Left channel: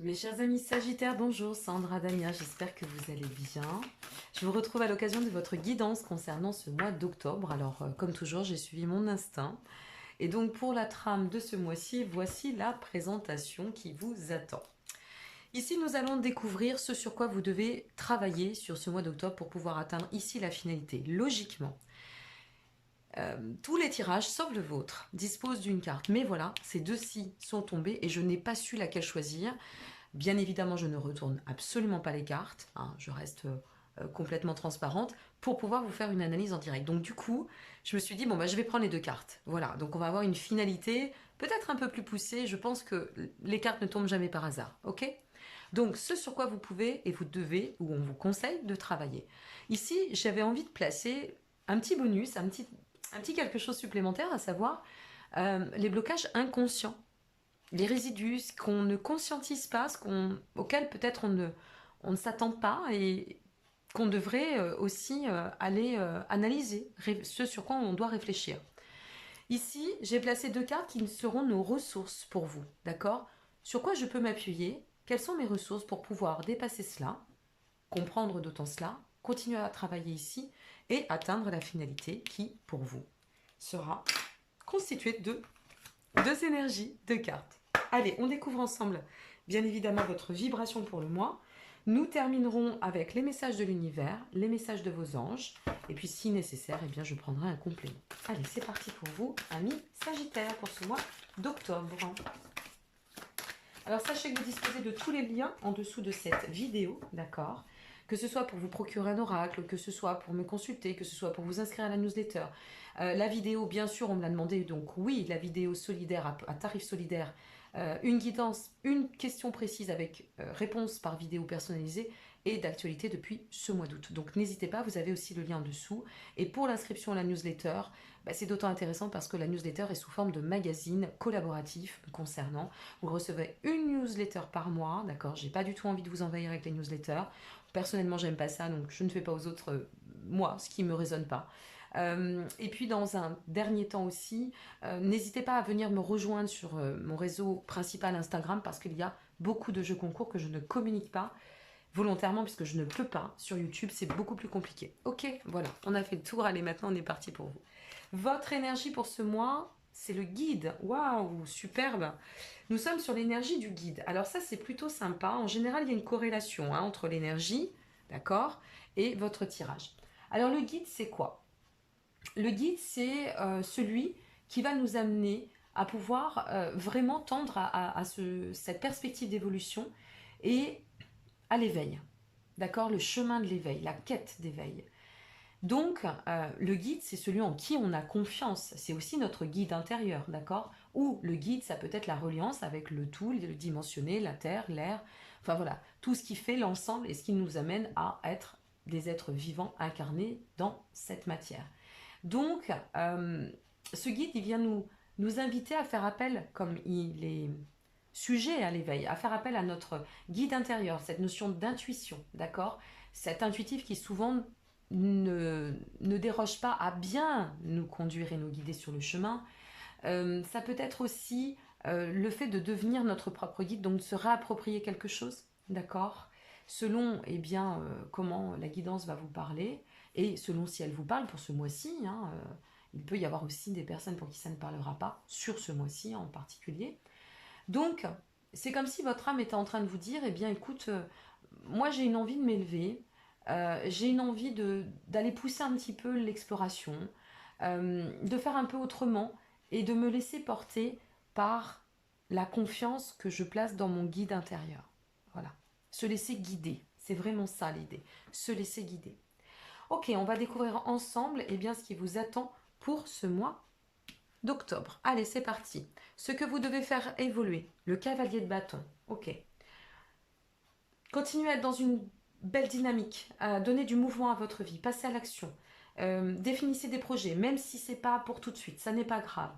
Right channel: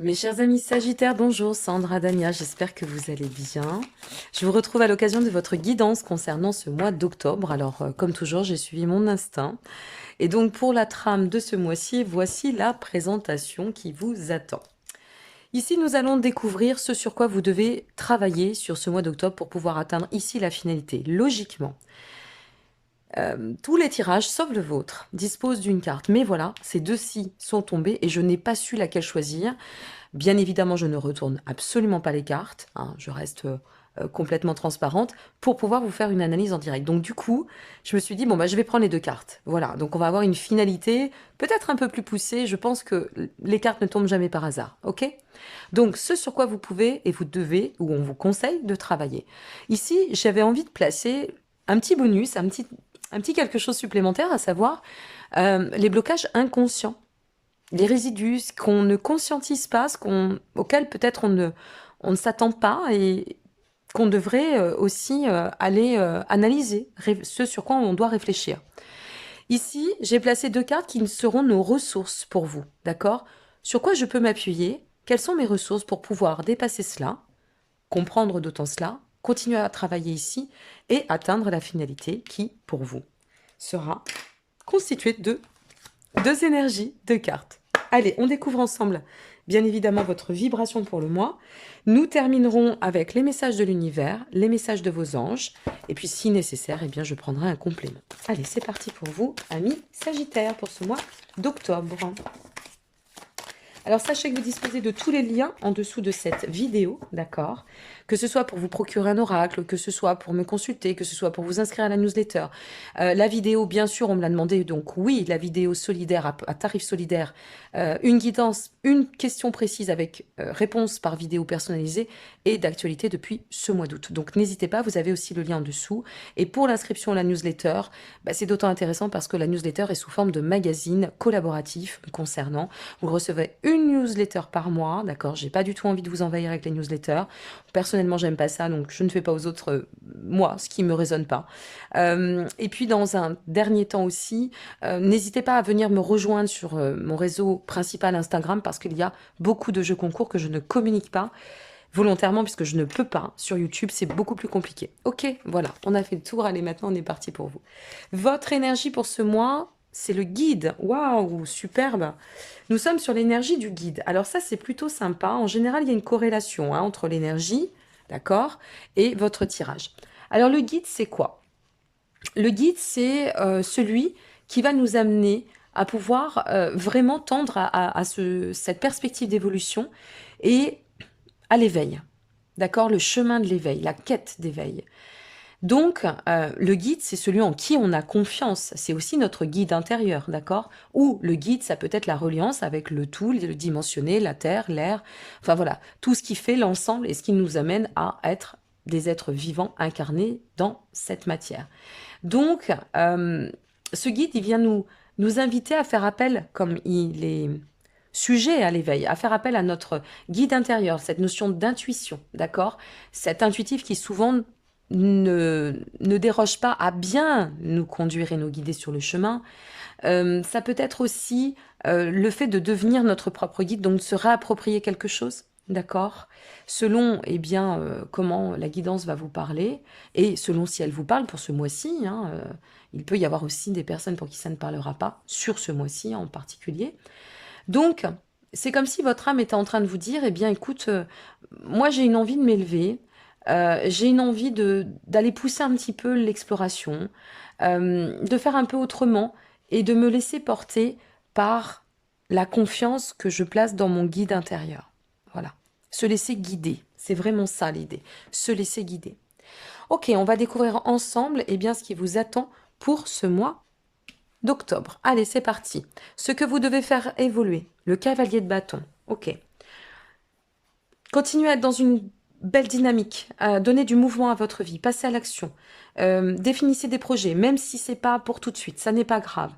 Mes chers amis Sagittaires, bonjour, Sandra Dania, j'espère que vous allez bien. Je vous retrouve à l'occasion de votre guidance concernant ce mois d'octobre. Alors, comme toujours, j'ai suivi mon instinct. Et donc, pour la trame de ce mois-ci, voici la présentation qui vous attend. Ici, nous allons découvrir ce sur quoi vous devez travailler sur ce mois d'octobre pour pouvoir atteindre ici la finalité. Logiquement, tous les tirages, sauf le vôtre, disposent d'une carte. Mais voilà, ces deux-ci sont tombés et je n'ai pas su laquelle choisir. Bien évidemment, je ne retourne absolument pas les cartes, hein, je reste complètement transparente pour pouvoir vous faire une analyse en direct. Donc du coup, je me suis dit, bon, bah, je vais prendre les deux cartes. Voilà, donc on va avoir une finalité peut-être un peu plus poussée. Je pense que les cartes ne tombent jamais par hasard, ok? Donc ce sur quoi vous pouvez et vous devez, ou on vous conseille de travailler. Ici, j'avais envie de placer un petit bonus, un petit quelque chose supplémentaire, à savoir les blocages inconscients, les résidus, ce qu'on ne conscientise pas, auquel peut-être on ne s'attend pas et qu'on devrait aussi aller analyser, ce sur quoi on doit réfléchir. Ici, j'ai placé deux cartes qui seront nos ressources pour vous, d'accord? Sur quoi je peux m'appuyer? Quelles sont mes ressources pour pouvoir dépasser cela, comprendre d'autant cela, continuer à travailler ici et atteindre la finalité qui, pour vous, sera constituée de deux énergies, deux cartes. Allez, on découvre ensemble, bien évidemment, votre vibration pour le mois. Nous terminerons avec les messages de l'univers, les messages de vos anges. Et puis, si nécessaire, eh bien, je prendrai un complément. Allez, c'est parti pour vous, amis Sagittaires, pour ce mois d'octobre. Alors, sachez que vous disposez de tous les liens en dessous de cette vidéo, d'accord? Que ce soit pour vous procurer un oracle, que ce soit pour me consulter, que ce soit pour vous inscrire à la newsletter. La vidéo, bien sûr, on me l'a demandé, donc oui, la vidéo solidaire à tarif solidaire, une guidance, une question précise avec réponse par vidéo personnalisée et d'actualité depuis ce mois d'août. Donc n'hésitez pas, vous avez aussi le lien en dessous. Et pour l'inscription à la newsletter, bah, c'est d'autant intéressant parce que la newsletter est sous forme de magazine collaboratif concernant. Vous recevez une newsletter par mois, d'accord? J'ai pas du tout envie de vous envahir avec les newsletters. Personnellement, j'aime pas ça, donc je ne fais pas aux autres, moi, ce qui me résonne pas. Et puis, dans un dernier temps aussi, n'hésitez pas à venir me rejoindre sur mon réseau principal Instagram parce qu'il y a beaucoup de jeux concours que je ne communique pas volontairement puisque je ne peux pas. Sur YouTube, c'est beaucoup plus compliqué. Ok, voilà, on a fait le tour. Allez, maintenant, on est parti pour vous. Votre énergie pour ce mois, c'est le guide. Waouh, superbe. Nous sommes sur l'énergie du guide. Alors ça, c'est plutôt sympa. En général, il y a une corrélation hein, entre l'énergie, d'accord, et votre tirage. Alors le guide, c'est quoi? Le guide, c'est celui qui va nous amener à pouvoir vraiment tendre cette perspective d'évolution et à l'éveil. D'accord? Le chemin de l'éveil, la quête d'éveil. Donc, le guide, c'est celui en qui on a confiance. C'est aussi notre guide intérieur, d'accord? Ou le guide, ça peut être la reliance avec le tout, le dimensionné, la terre, l'air. Enfin voilà, tout ce qui fait l'ensemble et ce qui nous amène à être des êtres vivants incarnés dans cette matière. Donc, ce guide, il vient nous inviter à faire appel, comme il est sujet à l'éveil, à faire appel à notre guide intérieur, cette notion d'intuition, d'accord? Cet intuitif qui souvent ne déroge pas à bien nous conduire et nous guider sur le chemin. Ça peut être aussi le fait de devenir notre propre guide, donc de se réapproprier quelque chose, d'accord? Selon eh bien, comment la guidance va vous parler, et selon si elle vous parle pour ce mois-ci, hein, il peut y avoir aussi des personnes pour qui ça ne parlera pas, sur ce mois-ci en particulier. Donc, c'est comme si votre âme était en train de vous dire, eh bien écoute, moi j'ai une envie de m'élever, j'ai une envie d'aller pousser un petit peu l'exploration, de faire un peu autrement et de me laisser porter par la confiance que je place dans mon guide intérieur. Voilà. Se laisser guider. C'est vraiment ça l'idée. Se laisser guider. Ok, on va découvrir ensemble eh bien, ce qui vous attend pour ce mois d'octobre. Allez, c'est parti. Ce que vous devez faire évoluer. Le cavalier de bâton. Ok. Continuez à être dans une belle dynamique, donner du mouvement à votre vie, passez à l'action. Définissez des projets, même si c'est pas pour tout de suite, ça n'est pas grave.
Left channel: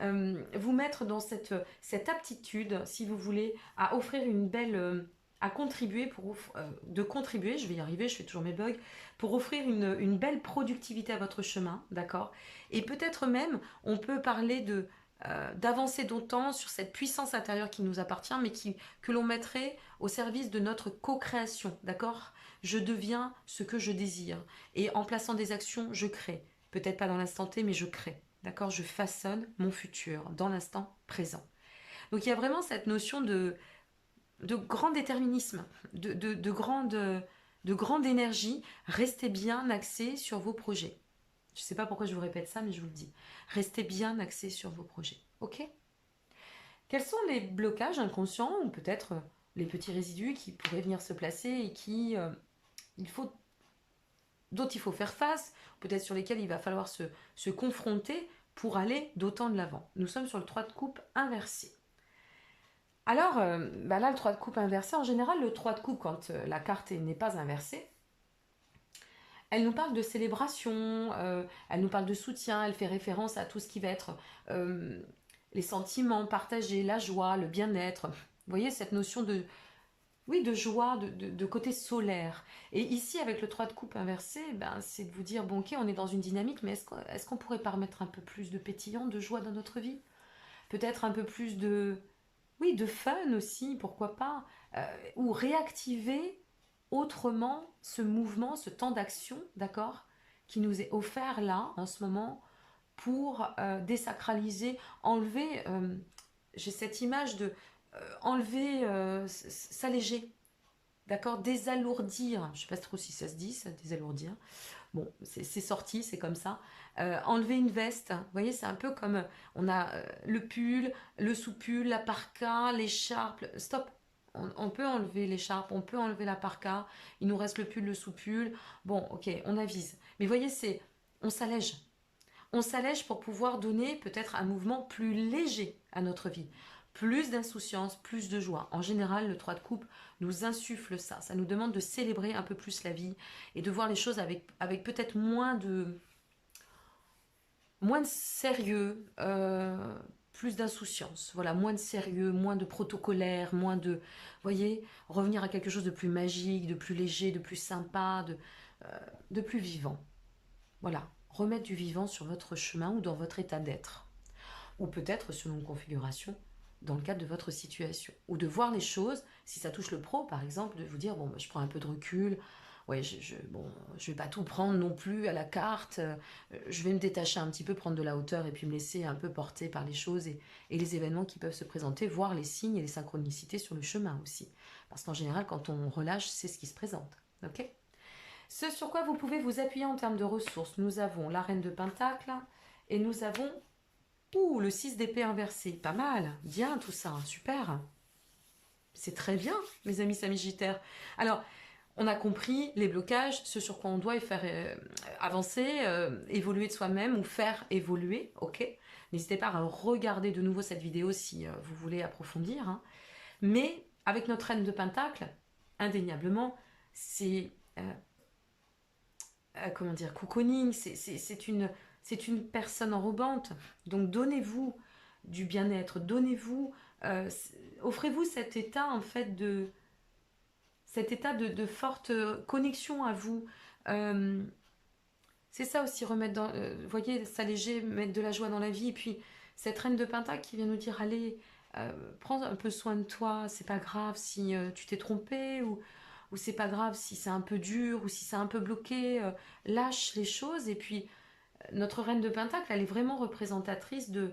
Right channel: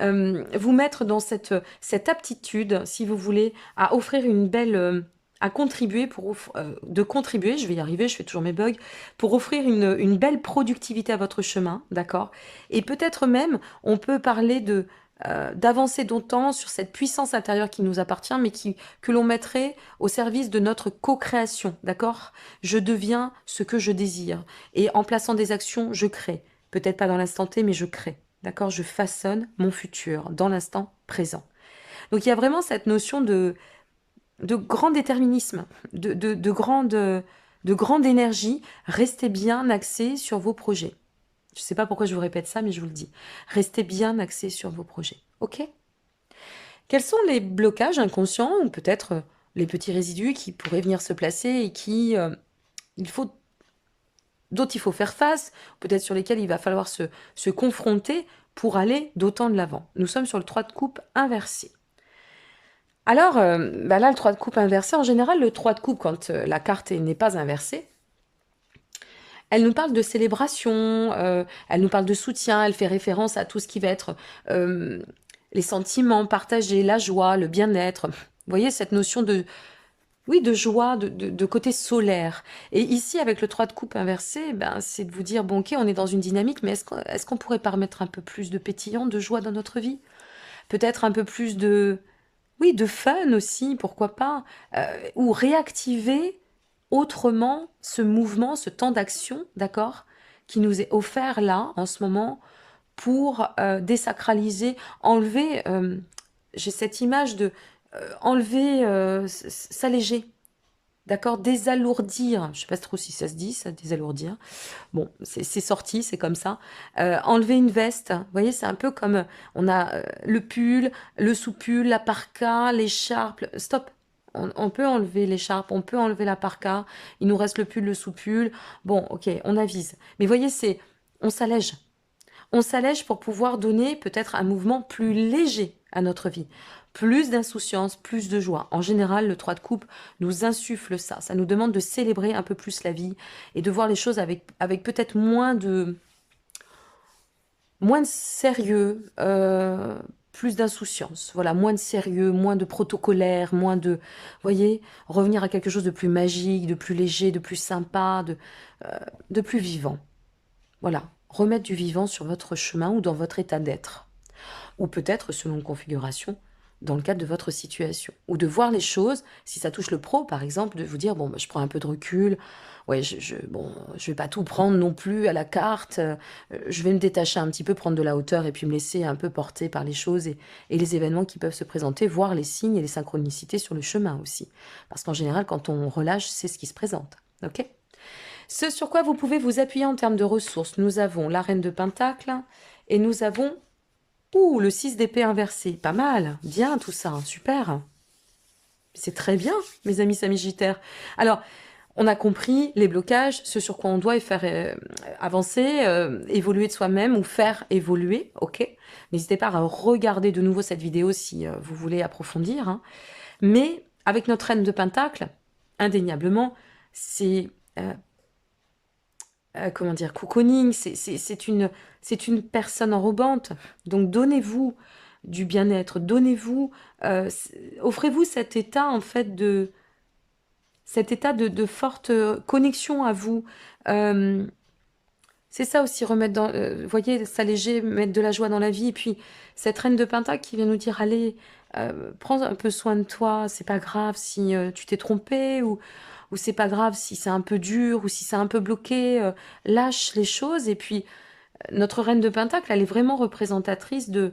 Vous mettre dans cette aptitude, si vous voulez, à offrir une belle, à contribuer de contribuer, je vais y arriver, je fais toujours mes bugs, pour offrir une belle productivité à votre chemin, d'accord? Et peut-être même, on peut parler d'avancer d'autant sur cette puissance intérieure qui nous appartient, mais que l'on mettrait au service de notre co-création, d'accord? Je deviens ce que je désire. Et en plaçant des actions, je crée. Peut-être pas dans l'instant T, mais je crée. D'accord? Je façonne mon futur dans l'instant présent. Donc il y a vraiment cette notion de grand déterminisme, de grande énergie. Restez bien axé sur vos projets. Je ne sais pas pourquoi je vous répète ça, mais je vous le dis. Restez bien axé sur vos projets. OK? Quels sont les blocages inconscients ou peut-être les petits résidus qui pourraient venir se placer et il faut, dont il faut faire face, peut-être sur lesquels il va falloir se confronter pour aller d'autant de l'avant? Nous sommes sur le 3 de coupe inversé. Alors, bah là, le 3 de coupe inversé, en général, le 3 de coupe, quand la carte n'est pas inversée, elle nous parle de célébration, elle nous parle de soutien, elle fait référence à tout ce qui va être les sentiments partagés, la joie, le bien-être. Vous voyez, cette notion oui, de joie, de côté solaire. Et ici, avec le 3 de coupe inversé, ben, c'est de vous dire, bon, ok, on est dans une dynamique, mais est-ce qu'on pourrait pas remettre un peu plus de pétillant, de joie dans notre vie? Peut-être un peu plus oui, de fun aussi, pourquoi pas, ou réactiver autrement ce mouvement, ce temps d'action, d'accord, qui nous est offert là, en ce moment, pour désacraliser, enlever, j'ai cette image de enlever, s'alléger, d'accord, désalourdir, je ne sais pas trop si ça se dit, ça, désalourdir, bon, c'est sorti, c'est comme ça. Enlever une veste, vous voyez, c'est un peu comme on a le pull, le sous-pull, la parka, l'écharpe. Stop. On peut enlever l'écharpe, on peut enlever la parka. Il nous reste le pull, le sous-pull. Bon, ok, on avise. Mais vous voyez, on s'allège. On s'allège pour pouvoir donner peut-être un mouvement plus léger à notre vie. Plus d'insouciance, plus de joie. En général, le 3 de coupe nous insuffle ça. Ça nous demande de célébrer un peu plus la vie et de voir les choses avec peut-être moins de sérieux, plus d'insouciance. Voilà, moins de sérieux, moins de protocolaire, voyez, revenir à quelque chose de plus magique, de plus léger, de plus sympa, de plus vivant. Voilà, remettre du vivant sur votre chemin ou dans votre état d'être. Ou peut-être, selon configuration, dans le cadre de votre situation. Ou de voir les choses, si ça touche le pro, par exemple, de vous dire, bon, bah, je prends un peu de recul, ouais, bon, je vais pas tout prendre non plus à la carte, je vais me détacher un petit peu, prendre de la hauteur et puis me laisser un peu porter par les choses et les événements qui peuvent se présenter, voir les signes et les synchronicités sur le chemin aussi. Parce qu'en général, quand on relâche, c'est ce qui se présente. Ok ? Ce sur quoi vous pouvez vous appuyer en termes de ressources, nous avons la reine de Pentacle et nous avons le 6 d'épée inversé. Pas mal, bien tout ça, super. C'est très bien, mes amis sagittaires. Alors, on a compris les blocages, ce sur quoi on doit faire avancer, évoluer de soi-même ou faire évoluer, ok? N'hésitez pas à regarder de nouveau cette vidéo si vous voulez approfondir, hein. Mais avec notre reine de Pentacle, indéniablement, c'est comment dire, cocooning, c'est une personne enrobante. Donc donnez-vous du bien-être, offrez-vous cet état en fait de forte connexion à vous. Euh, c'est ça aussi, remettre vous voyez, s'alléger, mettre de la joie dans la vie. Et puis cette reine de Pentacle qui vient nous dire, allez, prends un peu soin de toi, c'est pas grave si tu t'es trompé ou c'est pas grave si c'est un peu dur ou si c'est un peu bloqué, lâche les choses. Et puis, notre reine de Pentacle, elle est vraiment représentative,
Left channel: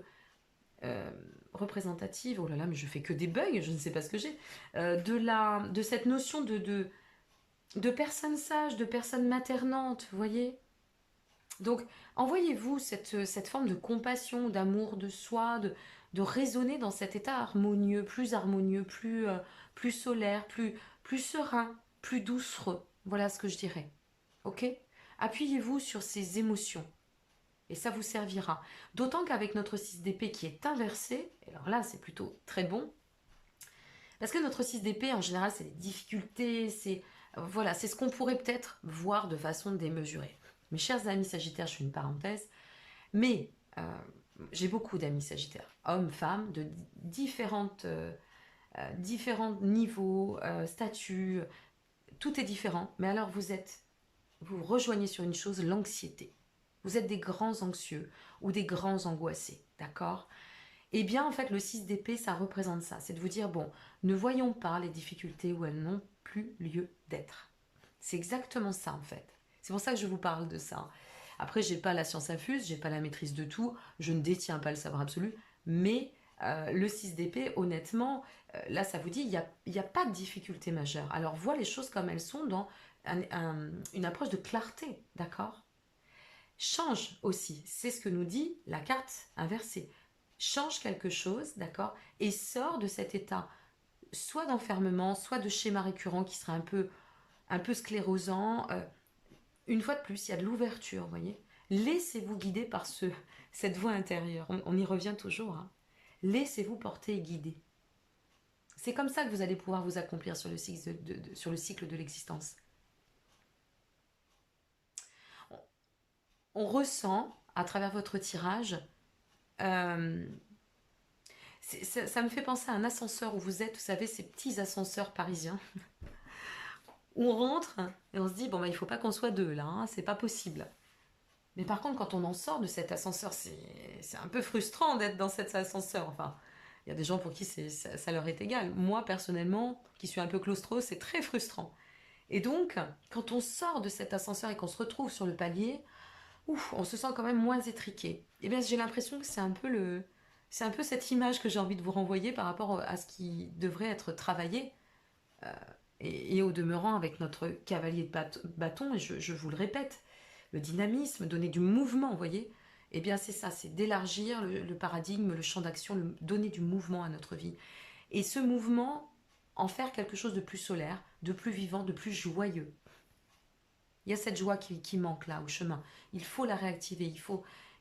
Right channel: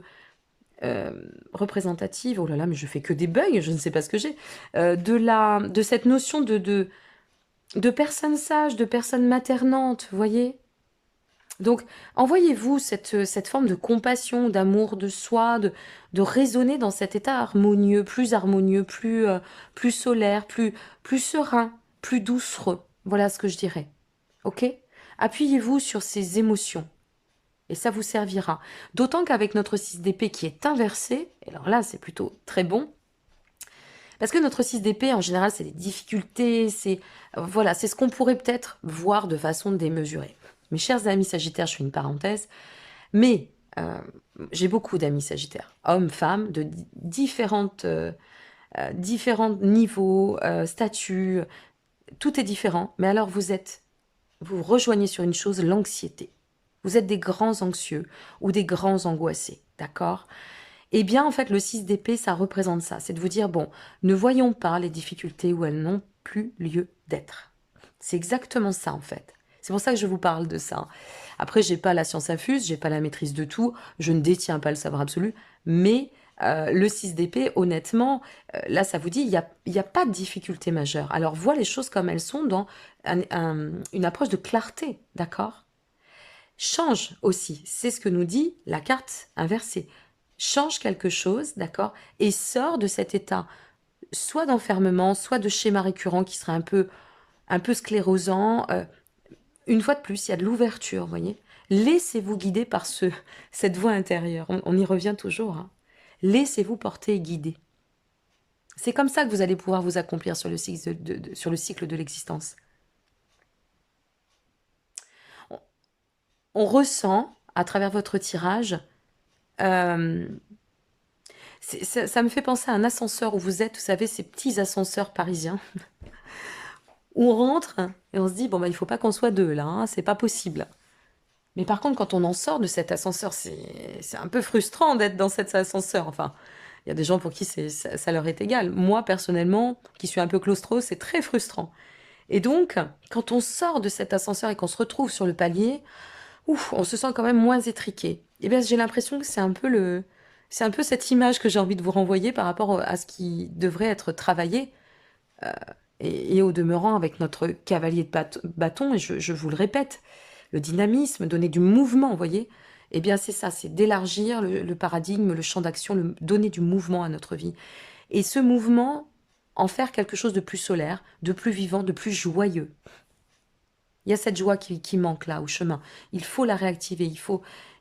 oh là là, mais je fais que des bugs, je ne sais pas ce que j'ai, de cette notion de personne sage, de personne maternante, vous voyez. Donc, envoyez-vous cette forme de compassion, d'amour de soi, de raisonner dans cet état harmonieux, plus solaire, plus serein, plus doucereux. Voilà ce que je dirais. Ok? Appuyez-vous sur ces émotions et ça vous servira. D'autant qu'avec notre 6 d'épée qui est inversé, et alors là c'est plutôt très bon, parce que notre 6 d'épée en général c'est des difficultés, voilà, c'est ce qu'on pourrait peut-être voir de façon démesurée. Mes chers amis sagittaires, je fais une parenthèse, mais j'ai beaucoup d'amis sagittaires, hommes, femmes, de différents niveaux, statuts, tout est différent, mais alors vous rejoignez sur une chose, l'anxiété. Vous êtes des grands anxieux ou des grands angoissés, d'accord? Eh bien, en fait, le 6 d'épée, ça représente ça. C'est de vous dire, bon, ne voyons pas les difficultés où elles n'ont plus lieu d'être. C'est exactement ça, en fait. C'est pour ça que je vous parle de ça. Après, j'ai pas la science infuse, j'ai pas la maîtrise de tout, je ne détiens pas le savoir absolu, mais le 6 d'épée, honnêtement, là, ça vous dit, il y a pas de difficulté majeure. Alors, vois les choses comme elles sont dans une approche de clarté, d'accord? Change aussi, c'est ce que nous dit la carte inversée. Change quelque chose, d'accord? Et sors de cet état, soit d'enfermement, soit de schéma récurrent qui serait un peu sclérosant. Une fois de plus, il y a de l'ouverture, vous voyez? Laissez-vous guider par cette voix intérieure. On y revient toujours, hein. Laissez-vous porter et guider. C'est comme ça que vous allez pouvoir vous accomplir sur le cycle sur le cycle de l'existence. On, on ressent, à travers votre tirage, euh, ça me fait penser à un ascenseur où vous êtes, vous savez, ces petits ascenseurs parisiens, où on rentre et on se dit, bon, bah, il faut pas qu'on soit deux là, hein, c'est pas possible. Mais par contre, quand on en sort de cet ascenseur, c'est un peu frustrant d'être dans cet ascenseur. Enfin, il y a des gens pour qui ça leur est égal. Moi, personnellement, qui suis un peu claustro, c'est très frustrant. Et donc, quand on sort de cet ascenseur et qu'on se retrouve sur le palier, ouf, on se sent quand même moins étriqué. Et bien, j'ai l'impression que c'est un peu cette image que j'ai envie de vous renvoyer par rapport à ce qui devrait être travaillé. euh, et au demeurant, avec notre cavalier de bâton, et je vous le répète, le dynamisme, donner du mouvement, vous voyez? Eh bien, c'est ça, c'est d'élargir le paradigme, le champ d'action, donner du mouvement à notre vie. Et ce mouvement, en faire quelque chose de plus solaire, de plus vivant, de plus joyeux. Il y a cette joie qui manque là, au chemin. Il faut la réactiver,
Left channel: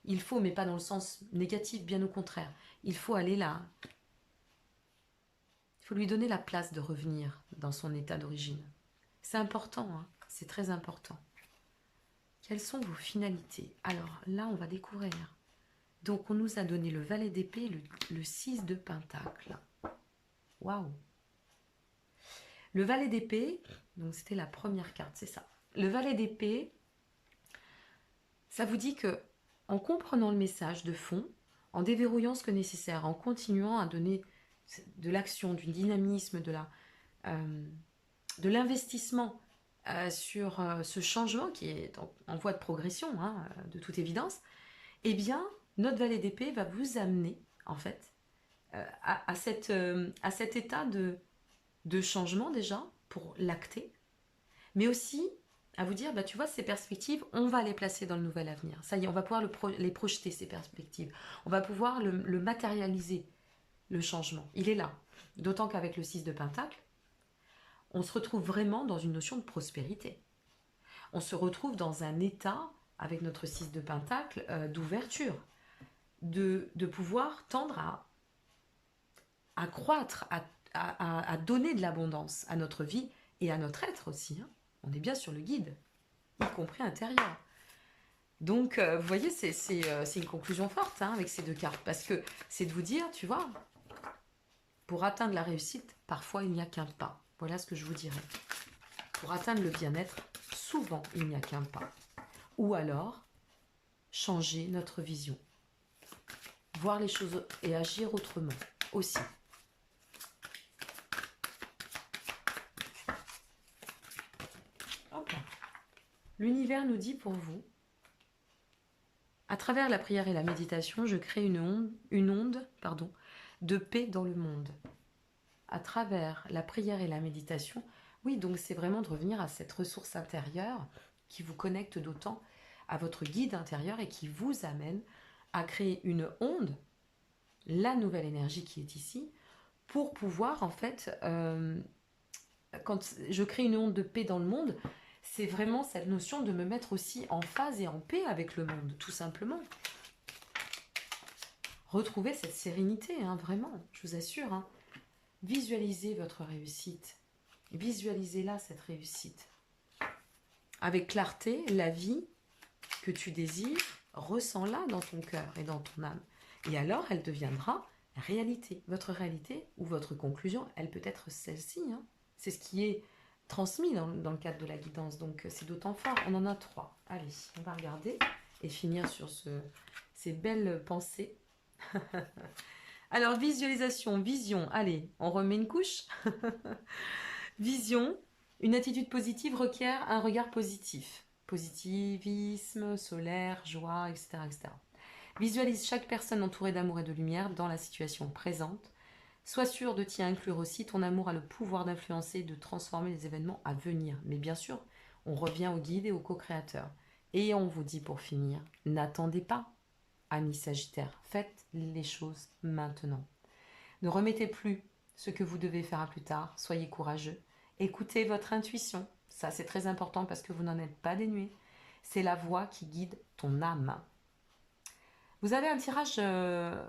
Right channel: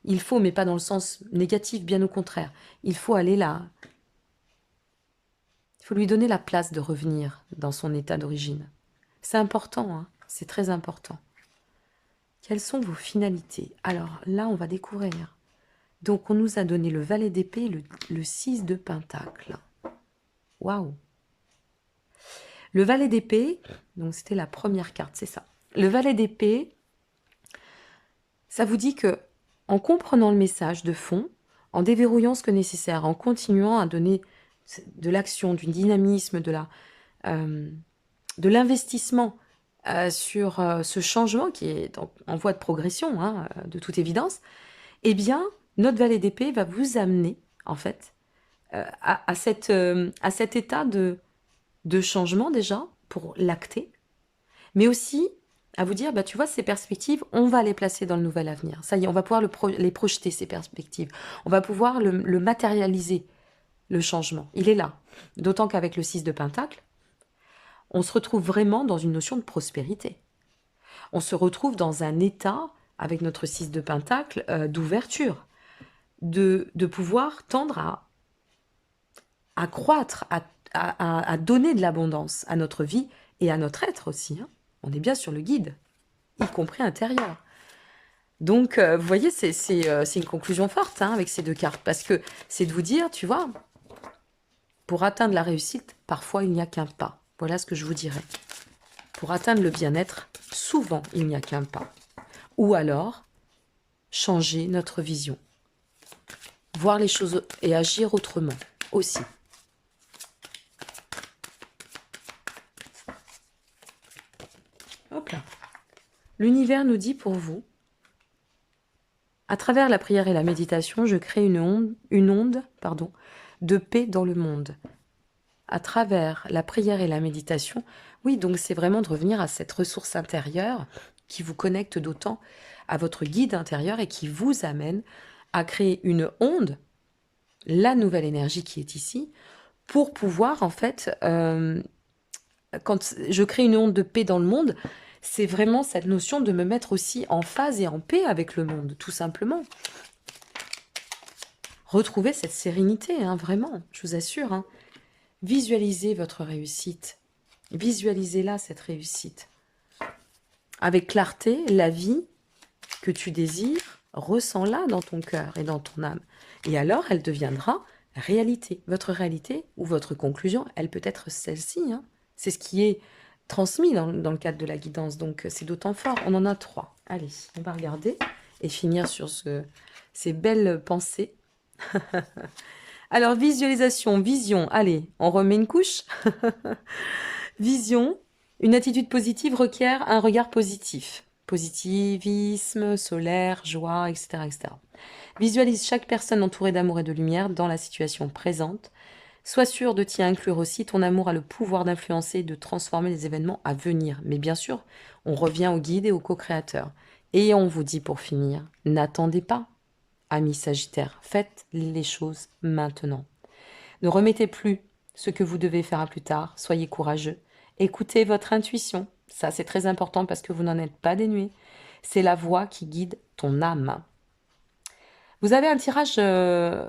mais pas dans le sens négatif, bien au contraire. Il faut aller là. Il faut lui donner la place de revenir dans son état d'origine. C'est important, hein, c'est très important. Quelles sont vos finalités? Alors là, on va découvrir. Donc, on nous a donné le valet d'épée, le 6 de pentacle. Waouh! Le valet d'épée, donc c'était la première carte, c'est ça. Le valet d'épée, ça vous dit que en comprenant le message de fond, en déverrouillant ce que nécessaire, en continuant à donner de l'action, du dynamisme, de l'investissement sur ce changement qui est en voie de progression, hein, de toute évidence, eh bien, notre valet d'épée va vous amener, en fait, à cet état de changement déjà, pour l'acter, mais aussi à vous dire, bah, tu vois, ces perspectives, on va les placer dans le nouvel avenir. Ça y est, on va pouvoir les projeter, ces perspectives. On va pouvoir le matérialiser, le changement. Il est là. D'autant qu'avec le 6 de Pentacle, on se retrouve vraiment dans une notion de prospérité. On se retrouve dans un état, avec notre 6 de Pentacle, d'ouverture, de pouvoir tendre à croître, à donner de l'abondance à notre vie et à notre être aussi, hein. On est bien sur le guide, y compris intérieur. Donc, vous voyez, c'est une conclusion forte, hein, avec ces deux cartes, parce que c'est de vous dire, tu vois, pour atteindre la réussite, parfois il n'y a qu'un pas. Voilà ce que je vous dirais. Pour atteindre le bien-être, souvent il n'y a qu'un pas. Ou alors, changer notre vision. Voir les choses et agir autrement aussi. Hop là. L'univers nous dit pour vous, à travers la prière et la méditation, je crée une onde de paix dans le monde. À travers la prière et la méditation, oui, donc c'est vraiment de revenir à cette ressource intérieure qui vous connecte d'autant à votre guide intérieur et qui vous amène à créer une onde, la nouvelle énergie qui est ici, pour pouvoir en fait, quand je crée une onde de paix dans le monde, c'est vraiment cette notion de me mettre aussi en phase et en paix avec le monde, tout simplement. Retrouvez cette sérénité, hein, vraiment, je vous assure, hein. Visualisez votre réussite. Visualisez-la, cette réussite. Avec clarté, la vie que tu désires, ressens-la dans ton cœur et dans ton âme. Et alors, elle deviendra réalité. Votre réalité ou votre conclusion, elle peut être celle-ci, hein. C'est ce qui est transmis dans le cadre de la guidance. Donc, c'est d'autant fort. On en a 3. Allez, on va regarder et finir sur ces belles pensées. Alors, visualisation, vision. Allez, on remet une couche. Vision. Une attitude positive requiert un regard positif. Positivisme, solaire, joie, etc., etc. Visualise chaque personne entourée d'amour et de lumière dans la situation présente. Sois sûr de t'y inclure aussi. Ton amour a le pouvoir d'influencer et de transformer les événements à venir. Mais bien sûr, on revient au guide et au co-créateur. Et on vous dit pour finir, n'attendez pas, amis Sagittaires, faites les choses maintenant. Ne remettez plus ce que vous devez faire à plus tard. Soyez courageux. Écoutez votre intuition. Ça, c'est très important parce que vous n'en êtes pas dénué. C'est la voix qui guide ton âme. Vous avez un tirage, je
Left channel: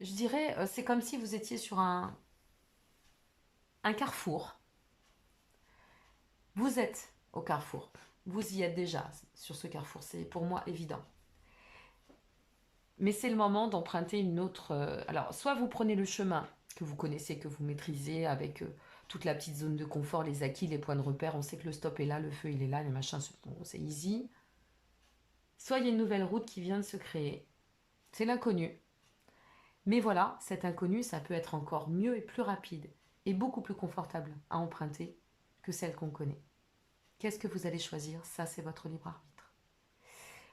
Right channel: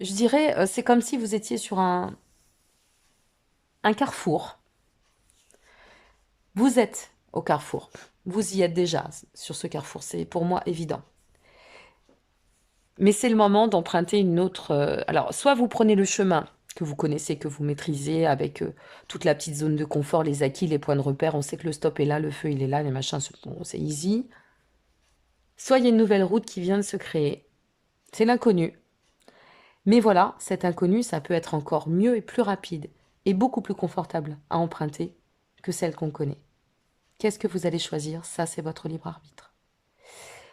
dirais, c'est comme si vous étiez sur un carrefour. Vous êtes au carrefour. Vous y êtes déjà sur ce carrefour. C'est pour moi évident. Mais c'est le moment d'emprunter une autre... alors, soit vous prenez le chemin que vous connaissez, que vous maîtrisez, avec toute la petite zone de confort, les acquis, les points de repère. On sait que le stop est là, le feu il est là, les machins, bon, c'est easy. Soit il y a une nouvelle route qui vient de se créer. C'est l'inconnu. Mais voilà, cet inconnu, ça peut être encore mieux et plus rapide et beaucoup plus confortable à emprunter que celle qu'on connaît. Qu'est-ce que vous allez choisir? Ça, c'est votre libre arbitre.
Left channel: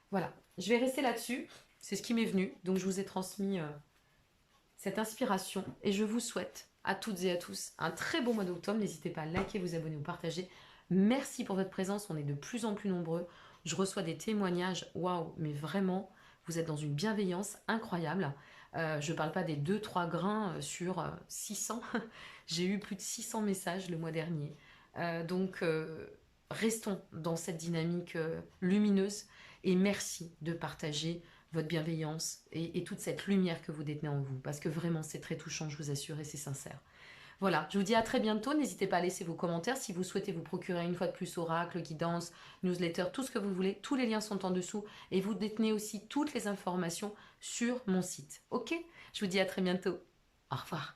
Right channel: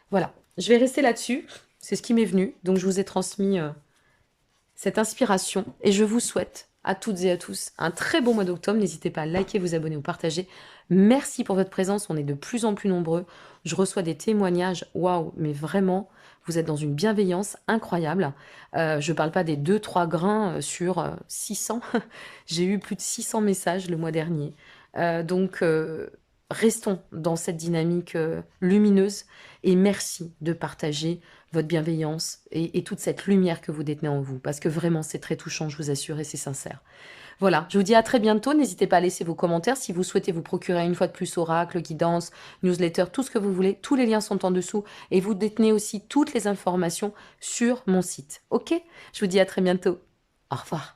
Voilà, je vais rester là-dessus. C'est ce qui m'est venu. Donc, je vous ai transmis cette inspiration et je vous souhaite à toutes et à tous un très bon mois d'octobre. N'hésitez pas à liker, vous abonner ou partager. Merci pour votre présence. On est de plus en plus nombreux. Je reçois des témoignages. Waouh, mais vraiment, vous êtes dans une bienveillance incroyable. Je ne parle pas des 2-3 grains sur 600. J'ai eu plus de 600 messages le mois dernier. Donc, restons dans cette dynamique lumineuse et merci de partager votre bienveillance et toute cette lumière que vous détenez en vous. Parce que vraiment, c'est très touchant, je vous assure, et c'est sincère. Voilà, je vous dis à très bientôt. N'hésitez pas à laisser vos commentaires si vous souhaitez vous procurer une fois de plus oracle, guidance, newsletter, tout ce que vous voulez. Tous les liens sont en dessous et vous détenez aussi toutes les informations sur mon site. Ok? Je vous dis à très bientôt. Au revoir.